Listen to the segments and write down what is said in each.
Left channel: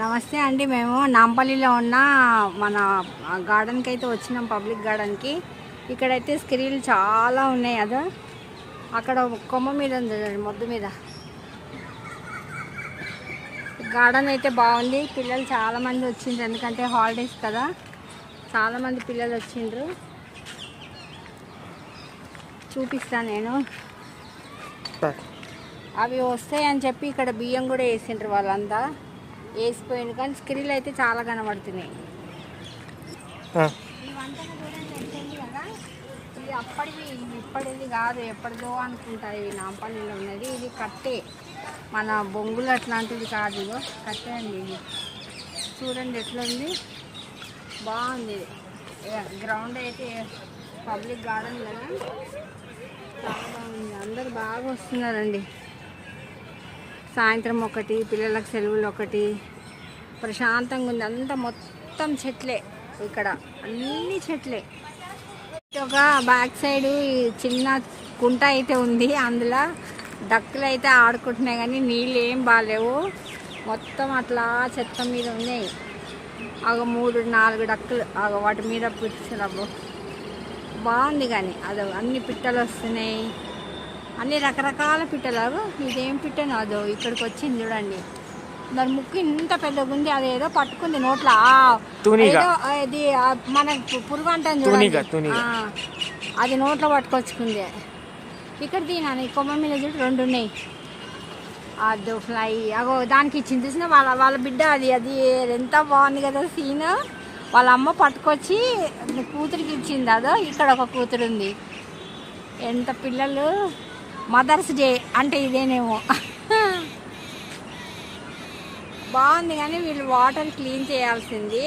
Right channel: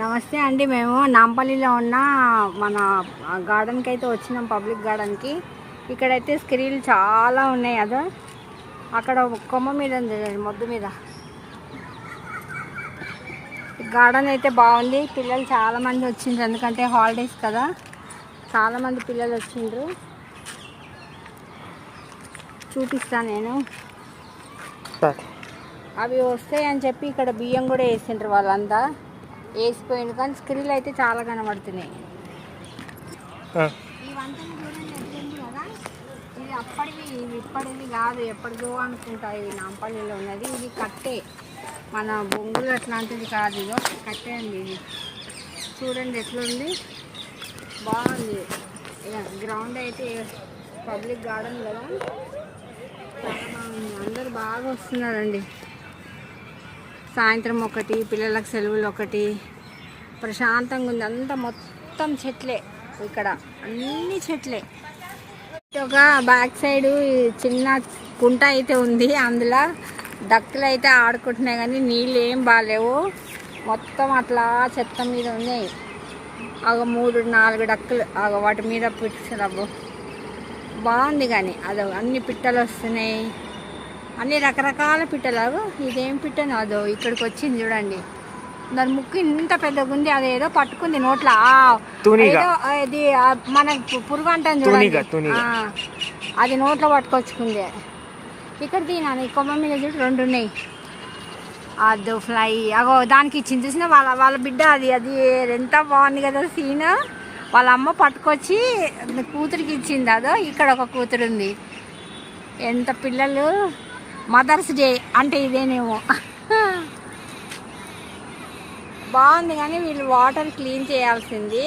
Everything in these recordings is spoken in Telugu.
నమస్తే అండి. మేము నాంపల్లిలో ఉన్న మన గార్డెన్కి అయితే వచ్చినాం, పబ్లిక్ గార్డెన్కి. ఇక్కడైతే స్క్రీన్లు చాలా ఉన్నాయి. అదో అక్కడ కొమ్మ మీద ఉంది, మొద్దు మీద. గార్డెన్ అయితే బాగుంది. పిల్లలు చాలామంది వచ్చిండ్రు, ఎందుకంటే హాలిడేస్ కదా, చాలామంది పిల్లలు వచ్చిండ్రు. చూపిస్తాను నేను. అవి వస్తాయని చెప్పి ఇక్కడ బియ్యం కూడా వేసిండ్రు, వాళ్ళంతా వేసిపోయింది. కానీ స్క్రీన్లు అయితే చాలా కనబడుతున్నాయి. ఇవంతా కదా, ఇది అప్పటిది ఇప్పటిది కాదు, ఎప్పటిదో అనుకుంటా. ఇవి నాంపల్లిలో ఉన్నది. ఇది కట్టే, మన బొంగులు అట్లాంటిది కాదు, ఇదో కట్టే అండి. ఇది చూడండి ఎట్లుంది, బాగుంది. గ్రౌండ్ అయితే పబ్లిక్ గార్డెన్ కదా, చాలా బాగుంది. అందరు బాగా వస్తున్నారండి. సాయంత్రం ఒకటి, పిల్లలకు సెలవులు ఒకటి, ప్రశాంతంగా ఉంది. అంతా మొత్తం చెట్లే, ఇక్కడ అన్ని చెట్లే. ఒక బ్యాక్ సైడ్ చిన్న కుంట అయితే ఉంది, అందులో డక్కులు అయితే ఆడుకుంటున్నాయి. కానీ నీళ్ళు ఏం బాగాలేవు, మొత్తం అట్లా చెత్త మీద ఉన్నాయి. 3-4 డక్కులు వాటి మీద పిచ్చురవ్వు బాగుంది. కానీ అదో అన్ని పిట్టలు వస్తున్నాయి, అన్ని రకరకాల పిట్టలు. ఇదేం పిట్టను అదో ఇక్కడికి వచ్చింది చూడండి. దాని ముక్కు ఇంత పెద్దగా ఉంది, అదేదో పట్టుకుంది నోట్లో. ఇది మన పురుగు అంటాను చూడండి, అది నోట్లో పట్టుకొచ్చుకుంది. ఇక్కడ తినాను, ఈ కొమ్మ మీద చూడు 2 ఉన్నాయి. అదో ఫ్లై దానికి ఇచ్చింది చూసిన వాళ్ళ బిడ్డ. అది ఎంత బాగుంది కదా సీన్. వాళ్ళ అమ్మ పట్టుకొచ్చి కూతురికి ఇచ్చింది. అదో ఇక్కడ ఒక కూతురు ఉంది. ఎంత పిల్లలు, మదర్స్ డే అంటే ఇదేనేమో. బాగుంది. కానీ వీళ్ళు వాటర్ క్లీన్ చేయాల్సింది.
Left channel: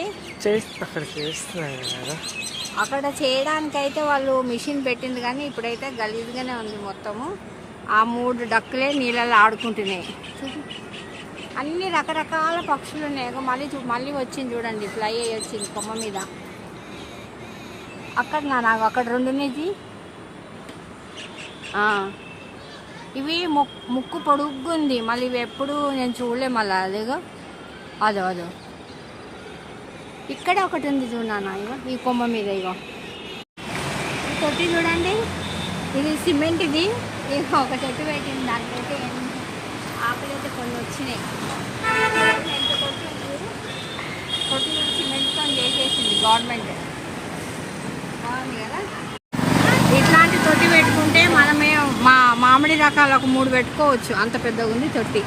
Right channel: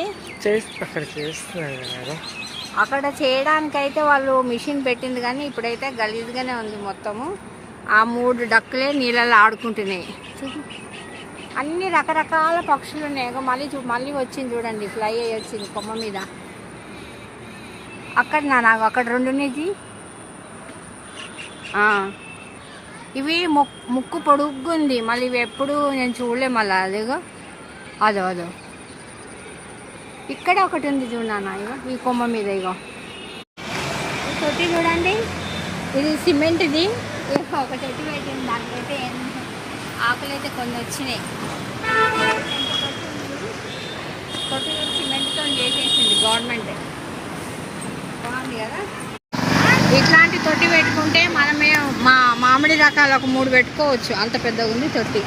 అక్కడ చేయడానికైతే వాళ్ళు మిషన్ పెట్టింది, కానీ ఇప్పుడైతే గలీజ్గానే ఉంది మొత్తము. ఆ 3 డక్కులే నీళ్ళలో ఆడుకుంటున్నాయి. అన్ని రకరకాల పక్షులు ఉన్నాయి. మళ్ళీ వచ్చింది చూడండి, ఫ్లై అయ్యి వచ్చింది కొమ్మ మీద. అక్కడ నాకు అక్కడ 2 ఉన్నాయి. ఇవి ముక్కు పొడుగ్గుంది, మళ్ళీ ఇవి ఎప్పుడు నేను చూడలే. మళ్ళీ అదో ఇక్కడ ఒకటి ఉంది చూడనా, ఇగో ఈ కొమ్మ మీద. ఇగో ఈ తొట్టి చూడండి, ఇది సిమెంట్ది. ఒక చెట్టు పెట్టింది, దానికైతే ఆకులు అయితే కొన్ని వచ్చినాయి. తొట్టి సిమెంట్తో చేసేసింది గవర్నమెంట్, బాగుంది కదా. ఇట్లాంటి తొట్టి పెట్టుకుంటే మనమే మామిడి రకాలు ఒక 3 పెట్టుకోవచ్చు, అంత పెద్దగా ఉంది తొట్టి.